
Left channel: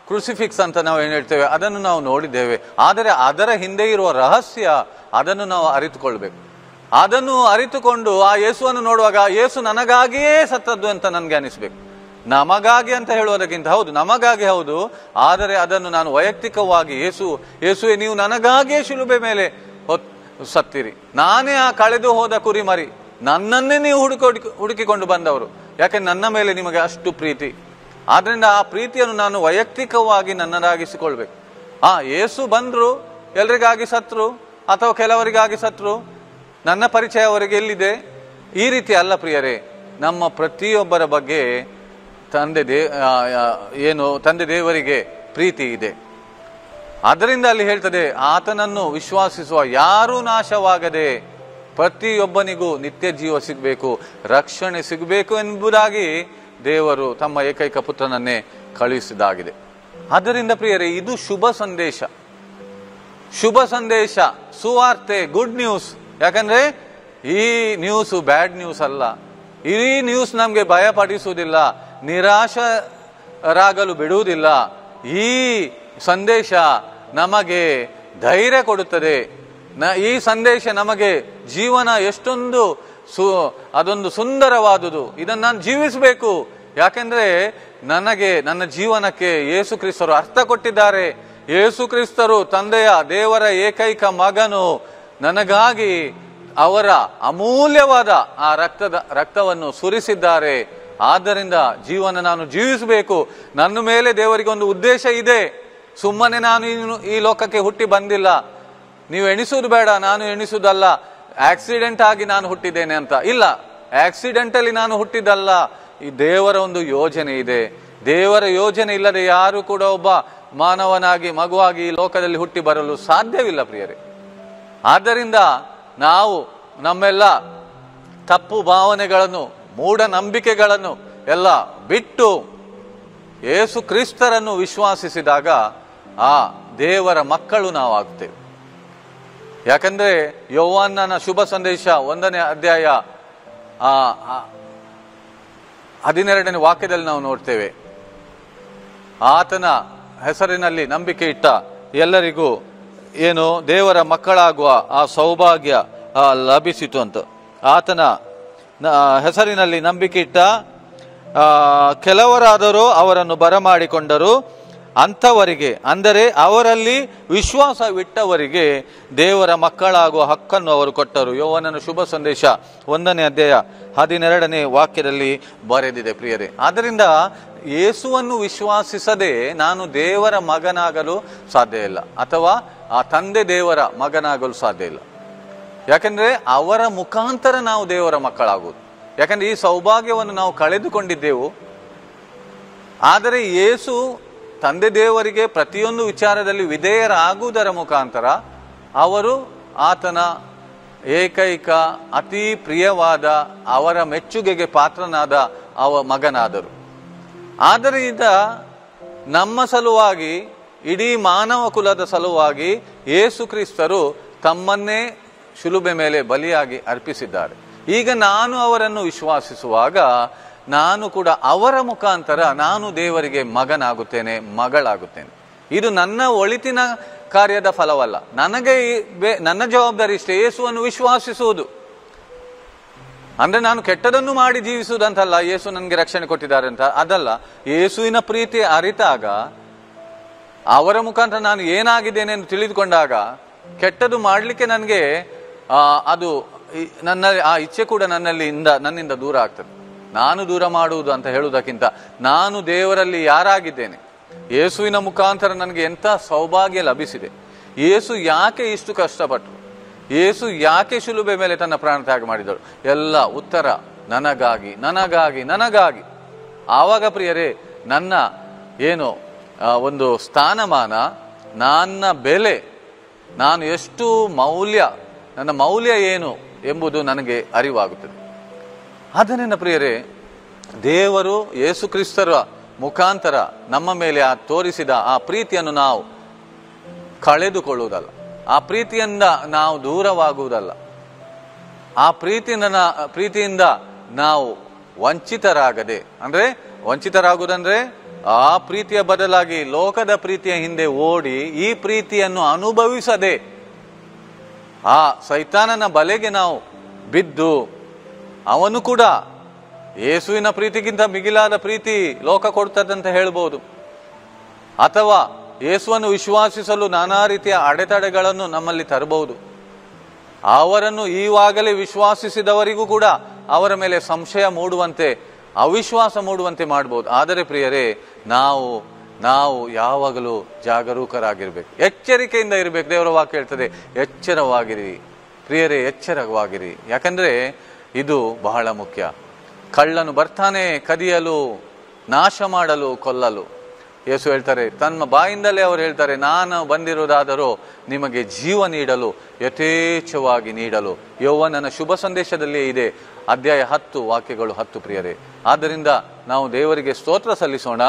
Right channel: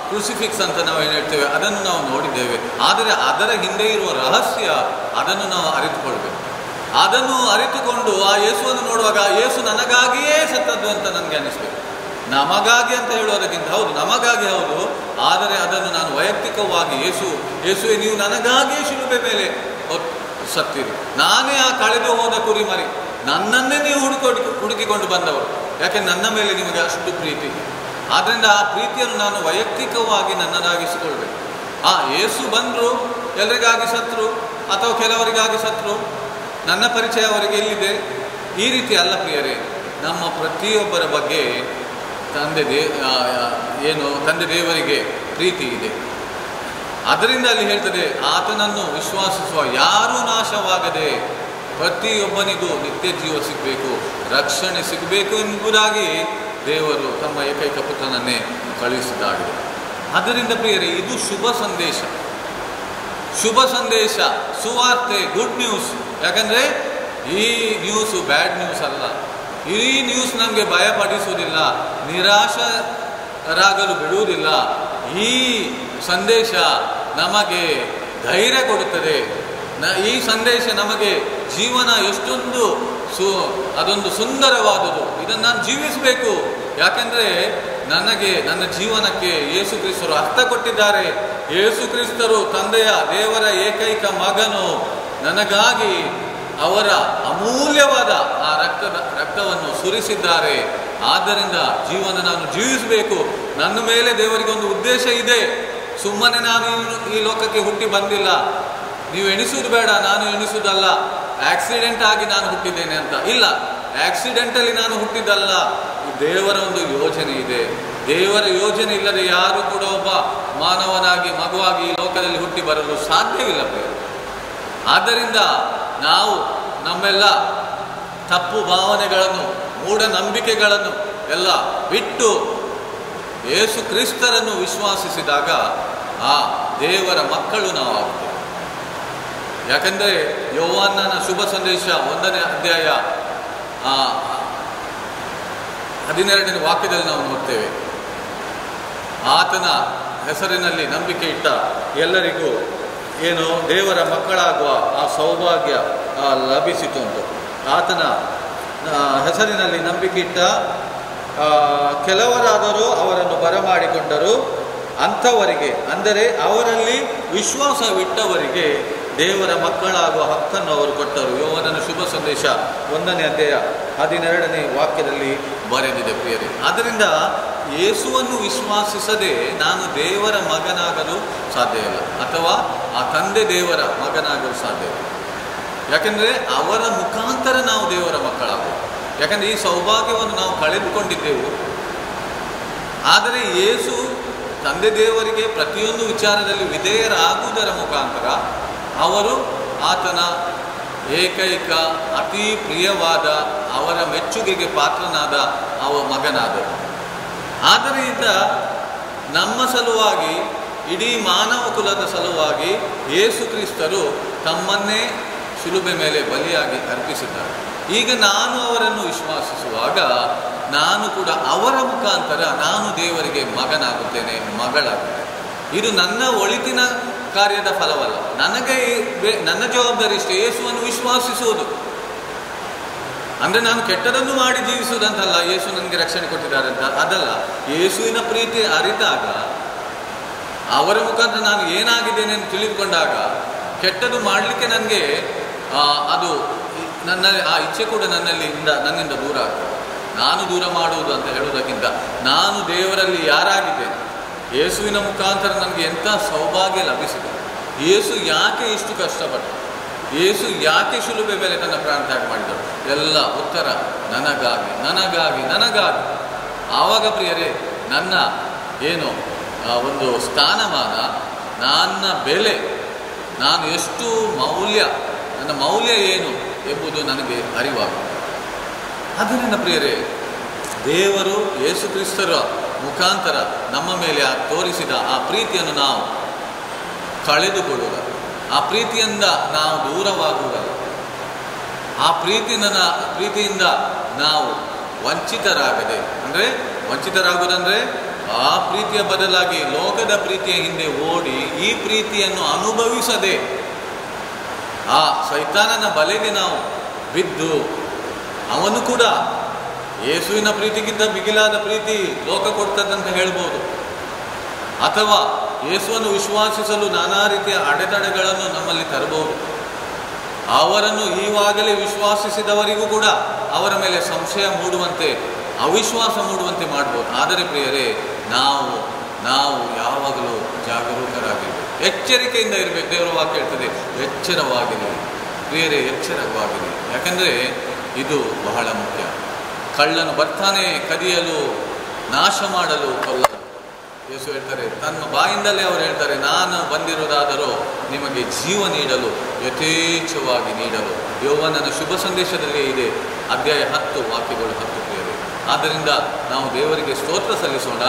ಕ್ರೂಸಿಫಿಕ್ಸ್ ಅಂತ ನಾವು ಏನು ಹೇಳ್ತೇವೆ, ಅದನ್ನು ನಾವು ನೋಡಿದ್ದೇವೆ. ಆದರೆ ಅದರ ಹಿಂದೆ ಇರುವ ರಹಸ್ಯ, ಅದನ್ನು ನಾವು ಅರಿತುಕೊಳ್ಬೇಕು. ಅದನ್ನು ಅರಿತುಕೊಂಡು ಆ ಯೇಸುವನ್ನು ನೋಡುವಾಗ ಯೇಸು ನನಗಾಗಿಯೇ ಸತ್ತದ್ದು ಅಂತ ನನಗೆ ಅನ್ನಿಸ್ಬೇಕು. ನಮಗಾಗಿ ಅಂತ ಹೇಳುವುದಕ್ಕಿಂತ, ಹೌದು ನಮಗಾಗಿ ಹೌದು, ಆದರೆ ಅದನ್ನು ನಾನು ವೈಯಕ್ತಿಕವಾಗಿ ಯೇಸುವೆ ನೀವು ನನಗಾಗಿಯೇ ಶಿಲುಬೆ ಮೇಲೆ ಸತ್ತಿರಿ, ನಾನೇ ಆ ಕಳೆದು ಹೋದ ಕುರಿಮರಿ, ನನ್ನನ್ನೇ ನೀವು ಹುಡುಕಿಕೊಂಡು ಬಂದವರು, ಯಾಕೆ ನನ್ನ ಮೇಲೆ ನಿಮಗೆ ಅಷ್ಟು ಪ್ರೀತಿ. ಆದ್ದರಿಂದ ಆ ಪ್ರೀತಿಯನ್ನು ನಾನು ವೈಯಕ್ತಿಕವಾಗಿ ನನ್ನದಾಗಿಸಿಕೊಳ್ಬೇಕು. ಯೇಸು ಬಂದರು, ಎಲ್ರಿಗಾಗಿ ಸತ್ರು ಅಥವಾ ಕೆಲವರಿಗಾಗಿ ಸತ್ರು, ನನ್ನ ಪರಿಚಯ ಅವರಿಗೆ ಎಲ್ಲಿದೆ, ಈ ರೀತಿ ಅಲ್ಲ ಪ್ರಿಯರೇ. ನಮ್ಮ ಪ್ರತಿಯೊಬ್ಬರ ಬಗ್ಗೆ ತಂದೆ ದೇವರಿಗೆ ಪ್ರೀತಿ ಇದೆ. ಅದರಿಂದ ಅಲ್ಲಿ ಹೇಳ್ತದೆ, ಆತನನ್ನು ವಿಶ್ವಾಸಿಸುವ ಯಾರೂ ನಾಶವಾಗದೆ ಪ್ರತಿಯೊಬ್ಬನಿಗೂ ನಿತ್ಯ ಜೀವ ಸಿಗಬೇಕು, ರಕ್ಷಣೆ ಸಿಗಬೇಕು ಎಂಬುದಾಗಿ ದೇವರು ತಮ್ಮ ಏಕೈಕ ಪುತ್ರನನ್ನೇ ಕಳುಹಿಸಿದ್ದಾಗಿದೆ. ಆದ್ದರಿಂದ ಪ್ರಿಯರೇ, ಇದು ಶುಭ ಸಂದೇಶ, ಸುವಾರ್ತೆ, ಗುಡ್ ನ್ಯೂಸ್. ಯಾಕಂದರೆ ಈ ನ್ಯೂಸು ಬ್ಯಾಡ್ ನ್ಯೂಸ್ ಅಲ್ಲ. ಈ ನ್ಯೂಸ್ ನಮಗೆ ಭಯಪಡಿಸುವುದಿಲ್ಲ, ನಿರಾಶರಾಗಲು ಬಿಡುವುದಿಲ್ಲ. ಈ ಸಂದೇಶ ನಮಗೆ ಧೈರ್ಯ ಕೊಡುತ್ತದೆ. ಈ ಸಂದೇಶ ನಮಗೆ ಜೀವನ ಎಷ್ಟೊಂದು ಅದೊಂದು ಸುಂದರವಾದುದು, ಇದನ್ನು ನಾನು ಜೀವಿಸಬೇಕು. ಯಾಕೆಂದರೆ ನನ್ನ ಜೀವನಕ್ಕೆ ಯೇಸು ಕ್ರಿಸ್ತರು ಅರ್ಥ ಕೊಟ್ಟಿದ್ದಾರೆ. ಯೇಸು ಕ್ರಿಸ್ತರು ತಂದೆಯ ದೇವರ ಏಕೈಕ ಮಗನು ನನಗಾಗಿ ಅವರ ಅಮೂಲ್ಯವಾದ ಆ ರಕ್ತವನ್ನು ಸುರಿಸಿದ್ದಾರೆ. ಆದ್ದರಿಂದ ಜೀವನ ನಾನು ಜೀವಿಸಬೇಕು. ನನ್ನ ಮೇಲೆ ದೇವರಿಗೆ ಒಂದು ಉದ್ದೇಶ ಇದೆ. ಸುಮ್ಮನೆ ನಾನು ಈ ಲೋಕಕ್ಕೆ ಹುಟ್ಟಿ ಬಂದಿಲ್ಲ. ನೀವು ಎಣಿಸುವುದು ಬೇಡ, ನಾನು ಎಣಿಸುವುದಲ್ಲ ಆಕ್ಸಿಡೆಂಟ್ ಆಗಿ ನಾನು ಹುಟ್ಟಿದ್ದೇನೆ ಅಂತ. ಇಲ್ಲ, ಆಕ್ಸಿಡೆಂಟಲ್ಲಿ ನಾನು ಹುಟ್ಟಿದ್ದಲ್ಲ. ಈ ದೇವರ ಒಂದು ಯೋಜನೆ ಇದೆ. ದೇವರ ಯೋಜನೆ ಇಲ್ಲದೆ ಯಾರು ಕೂಡ ಒಬ್ಬ ಮಾನವನಾಗಿ ಮಗುವಾಗಿ ಈ ಲೋಕದಲ್ಲಿ ಹುಟ್ಟಿ ಬರಲು ಸಾಧ್ಯವಿಲ್ಲ ಪ್ರಿಯರು. ಆದ್ದರಿಂದ ನಾವು ನಮ್ಮೆಲ್ಲ ತಪ್ಪು ಭಾವನೆಗಳನ್ನು, ಮೂಢನಂಬಿಕೆಗಳನ್ನು ಎಲ್ಲ ಬಿಟ್ಟು ಯೇಸು ಕ್ರಿಸ್ತರನ್ನು ವಿಶ್ವಾಸಿಸಿದಾಗ ಆ ದೇವರ ಮಕ್ಕಳು ನಾವಾಗ್ತೇವೆ. ಯಾಕಂದರೆ ಯೋಹಾನನ ಶುಭ ಸಂದೇಶ 1ನೇ ಅಧ್ಯಾಯ 12ನೇ ವಾಕ್ಯದಲ್ಲಿ ನಾವು ನೋಡ್ತೇವೆ, ಆತನ ಹೆಸರಿನಲ್ಲಿ ನಂಬಿಕೆ ಇಟ್ಟ ಎಲ್ಲರಿಗೂ ದೇವರ ಮಕ್ಕಳಾಗುವ ಆ ಸೌಭಾಗ್ಯ ಲಭಿಸಿತು ಅಂತ. ಆತನ ಹೆಸರಿನಲ್ಲಿ ನಂಬಿಕೆ ಇಟ್ಟ ಕೆಲವರಾದರೂ ಅವರನ್ನು ಬರಮಾಡಿಕೊಂಡರು. ಅಂಥವರಿಗೆ, ಅಂದರೆ ಅವರಲ್ಲಿ ವಿಶ್ವಾಸವಿಟ್ಟವರಿಗೆ ದೇವರ ಮಕ್ಕಳಾಗುವ ಹಕ್ಕನ್ನು ಅವರು ಕೊಟ್ಟರು. ಯೋಹಾನನ ಶುಭ ಸಂದೇಶ 1ನೇ ಅಧ್ಯಾಯ 12ನೇ ವಾಕ್ಯದಲ್ಲಿ ಬರೆದಿದೆ ಪ್ರಿಯರೇ. ಆದ್ದರಿಂದ ಯೇಸುವನ್ನು ವಿಶ್ವಾಸಿಸದೆ ನಾನು ದೇವರ ಮಗನಾಗಲು ಸಾಧ್ಯ ಇಲ್ಲ, ಅಥವಾ ಆ ತಂದೆ ದೇವರ ಮಗನಾಗಲು ಸಾಧ್ಯ ಇಲ್ಲ. ಯಾಕೆಂದರೆ ಅವರ ಮುಖಾಂತರ ನಾವು ದೇವರ ಮಕ್ಕಳಾಗಬೇಕು. ಯಾಕಂದರೆ ಈ ಸೌಭಾಗ್ಯವನ್ನು ನಾವು ಕಳೆದುಕೊಂಡಿದ್ದೆವು. ಆದರೆ ಯೇಸು ತಂದೆ ದೇವರಿಗೆ ಪ್ರತಿಯೊಂದು ವಿಚಾರದಲ್ಲಿ ವಿಧೇಯರಾಗುವುದರ ಮುಖಾಂತರ ಅವರು ಆತನ ಏಕೈಕ ಅತಿ ಪ್ರಿಯವಾದ, ಅವರ ಮೆಚ್ಚುಗೆಗೆ ಪಾತ್ರನಾದ ಮಗನಾದರು. ಆದ್ದರಿಂದ ನಮ್ಮ ಸಲುವಾಗಿ, ಇಡೀ ಮಾನವ ಕುಲದ ಸಲುವಾಗಿ ಯೇಸು ಕ್ರಿಸ್ತರು ತಮ್ಮನ್ನೇ ಶಿಲುಬೆ ಮೇಲೆ ಬಲಿಯಾಗಿ ಅರ್ಪಿಸಿದ್ದಾರೆ. ಈಗ ನಾನು ಅವರನ್ನು ವಿಶ್ವಾಸಿಸುವಾಗ ನಾನು ಕೂಡ ಅವರ ಮುಖಾಂತರ ನಾನು ದೇವರಿಗೆ ಮಗನಾಗುತ್ತೇನೆ, ಮಗಳಾಗುತ್ತೇನೆ. ಇದು ನನ್ನ ಒಳಿತಿನ ಕಾರ್ಯದ ಫಲವಲ್ಲ. ನನ್ನ ಜವಾಬ್ದಾರಿ ಇಷ್ಟೇ, ಯೇಸುವನ್ನು ವಿಶ್ವಾಸಿಸುವುದು. ಅಂದರೆ ನಾನು ಕೆಟ್ಟದನ್ನು ಮಾಡಿ ಜೀವಿಸುವುದಂತಲ್ಲ, ಯೇಸು ನನಗೆ ರಕ್ಷಣೆ ಕೊಟ್ಟಿದ್ದಾರೆ ಅಂತ ಅದಲ್ಲ. ಯೇಸುವಿನ ಪ್ರೀತಿ ಅರಿತಾಗ, ಅವರ ಮುಖಾಂತರ ನಾನು ಏನಾಗಿದ್ದೇನೆ ಅಂತ ತಿಳಿದುಕೊಂಡಾಗ, ಕೆಟ್ಟದ್ದು ಮಾಡಲಿಕ್ಕೆ ನನಗೆ ಅದು ನನ್ನ ಆ ಇಚ್ಛೆ ಕೂಡ ನನ್ನಿಂದ ದೂರ ಆಗ್ತದೆ. ನಾನು ದೂರ ಮಾಡುವುದು ಅಂತ ಹೇಳುವುದಕ್ಕಿಂತ ನಾನು ದೇವರಲ್ಲಿ ಯಾರಾಗಿದ್ದೇನೆ, ಯೇಸುವಿನ ಮುಖಾಂತರ ನನಗೆ ಎಂಥ ಸೌಭಾಗ್ಯ ಲಭಿಸಿದೆ, ಯೇಸು ಯಾಕೆ ಇಷ್ಟು ಕಷ್ಟಪಟ್ಟು, ಯೇಸು ಯಾಕೆ ಶಿಲುಬೆ ಮೇಲೆ ತನ್ನ ಪ್ರಾಣ ತ್ಯಾಗ ಮಾಡಿದಳು, ಎಲ್ಲ ಉತ್ತರ ನನಗಾಗಿ ನನಗಾಗಿ ನನಗಾಗಿ. ಆವಾಗ ಪ್ರಿಯರೇ, ನನ್ನ ಒಂದು ಸ್ಥಾನಮಾನ, ನನ್ನ ಬೆಲೆ, ನಾನು ಎಷ್ಟು ನನ್ನ ಮೌಲ್ಯ ಏನು ಎಂಬುದು ನನಗೆ ಅರಿವಾಗುತ್ತದೆ. ಆದ್ದರಿಂದ ಪ್ರಿಯರೇ, ದೇವರು ಯೇಸು ಕ್ರಿಸ್ತರ ಮುಖಾಂತರ ನಮ್ಮ ಮೇಲೆ ತೋರಿಸಿದ ಆ ಪ್ರೀತಿಯನ್ನು ನಾವು ಕಳೆದುಕೊಳ್ಳುವುದಲ್ಲ, ಆ ಪ್ರೀತಿಯಿಂದ ನಾವು ದೂರವಾಗುವುದಲ್ಲ, ಆ ಪ್ರೀತಿಯಿಂದ ನಾವು ವಂಚಿತರಾಗದೆ, ಅಂದರೆ ವಂಚಿತರಾಗುವುದಂದರೆ ಆ ಪ್ರೀತಿಯ ಬದಲಾಗಿ ಲೋಕದ ಪ್ರೀತಿಯ ಹಿಂದೆ ಓಡಿ ಈ ಪ್ರೀತಿಯನ್ನು ಅನುಭವಿಸದೆ ಆ ಸೈತಾನನ ಬಲೆಗೆ ನಾವು ಬಿದ್ದು ಅವನು ಕೂಡ ಯೇಸುವಿನ ಪ್ರೀತಿಗಿಂತ ಮಿಗಿಲಾದ ಪ್ರೀತಿ ಲೋಕ ಕೊಡ್ತದಂತ ಹೇಳ್ಬೋದು. ಅಥವಾ ಯೇಸುವನ್ನು ವಿಶ್ವಾಸಿಸಲು ನಾನಾ ರೀತಿಯ ಅಡೆತಡೆಗಳನ್ನು ನಮ್ಮಲ್ಲಿ ತರಬಹುದು. ಅವರನ್ನು ಈವಾಗಲೇ ವಿಶ್ವಾಸಿಸಿದವರಿಗೂ ಕೂಡ ಅವರ ಮೇಲೆ ಸಂಶಯ ಮೂಡುವಂತೆ, ಅವಿಶ್ವಾಸ ಮೂಡುವಂತೆ ಮಾಡ್ಬೋದು. ಆದರೆ ಪ್ರಿಯರೇ, ನಾವು ಯಾವಾಗಲೂ ಜಾಗರೂಕರಾಗಿರ್ಬೇಕು, ಎಚ್ಚರಿಕೆಯಿಂದ ಇರಬೇಕು. ದೇವರ ವಾಕ್ಯ ಹೇಳ್ತದೆ, ಎಚ್ಚರವಾಗಿರಿ ಪ್ರಿಯರೇ, ಎಚ್ಚರವಾಗಿರಿ. ಯಾಕಂದರೆ ಇದು ಬಹಳ ಮುಖ್ಯ. ಕಳ್ಳನು ಬರ್ತಾನೆ ಕದಿಯಲು, ನಾಶ ಮಾಡಲು, ಕೊಲ್ಲಲು. ಯೇಸು ಹೇಳ್ತಾರೆ, ತನ್ನ ಬಾಯಿಂದಲೇ ಅವರು ಹೇಳ್ತಾರೆ, ನಾನು ಬಂದಿರುವುದಾದರೂ ನಿಮಗೆ ಜೀವ ನೀಡಲು, ಯಥೇಚ್ಛವಾಗಿ ನೀಡಲು. ಯೌವನನ ಶುಭ ಸಂದೇಶದಲ್ಲಿ ಇದೆ, ಅಧ್ಯಾಯ 10 ವಾಕ್ಯಗಳು 10 ಪ್ರಿಯರೇ. ಆದ್ದರಿಂದ ನಾವು ದೇವರಿಗೆ ಸ್ತೋತ್ರ ಸಲ್ಲಿಸೋಣ.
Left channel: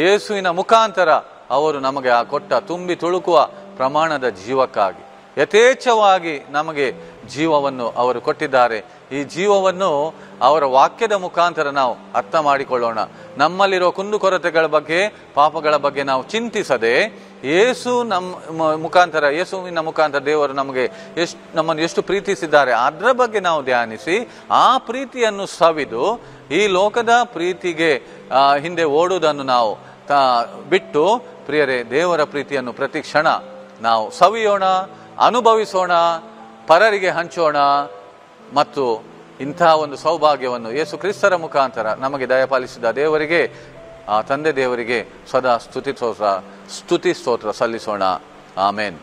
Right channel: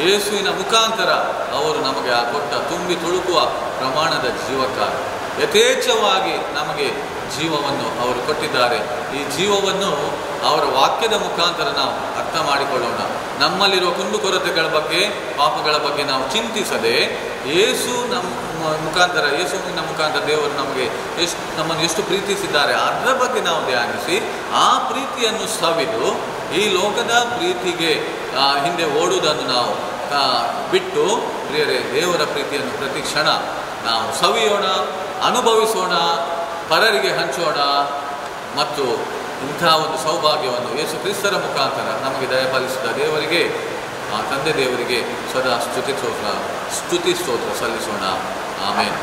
ಯೇಸುವಿನ ಮುಖಾಂತರ ಅವರು ನಮಗೆ ಕೊಟ್ಟ ತುಂಬಿ ತುಳುಕುವ ಪ್ರಮಾಣದ ಜೀವಕ್ಕಾಗಿ ಯಥೇಚ್ಛವಾಗಿ ನಮಗೆ ಜೀವವನ್ನು ಅವರು ಕೊಟ್ಟಿದ್ದಾರೆ. ಈ ಜೀವವನ್ನು ಅವರ ವಾಕ್ಯದ ಮುಖಾಂತರ ನಾವು ಅರ್ಥ ಮಾಡಿಕೊಳ್ಳೋಣ. ನಮ್ಮಲ್ಲಿರೋ ಕುಂದುಕೊರತೆಗಳ ಬಗ್ಗೆ, ಪಾಪಗಳ ಬಗ್ಗೆ ನಾವು ಚಿಂತಿಸದೆ, ಯೇಸುವಿನ ಮುಖಾಂತರ ದೇವರು ನಮ್ಮನ್ನು ಎಷ್ಟು ಪ್ರೀತಿಸಿದ್ದಾರೆ ಅದರ ಬಗ್ಗೆ ನಾವು ಧ್ಯಾನಿಸಿ, ಆ ಪ್ರೀತಿಯನ್ನು ಸವಿದು ಈ ಲೋಕದ ಪ್ರೀತಿಗೆ ಹಿಂದೆ ಓಡುವುದನ್ನು ನಾವು ಬಿಟ್ಟು ಪ್ರಿಯರೇ, ದೇವರ ಪ್ರೀತಿಯನ್ನು ಪ್ರತಿ ಕ್ಷಣ ನಾವು ಸವಿಯೋಣ, ಅನುಭವಿಸೋಣ, ಪರರಿಗೆ ಹಂಚೋಣ. ಮತ್ತು ಇಂತಹ ಒಂದು ಸೌಭಾಗ್ಯವನ್ನು ಯೇಸು ಕ್ರಿಸ್ತರ ಮುಖಾಂತರ ನಮಗೆ ದಯಪಾಲಿಸಿದ ದೇವರಿಗೆ, ಆ ತಂದೆ ದೇವರಿಗೆ ಸದಾ ಸ್ತುತಿ ಸ್ತೋತ್ರ ಸಲ್ಲಿಸೋಣ. ಆಮೇನ್.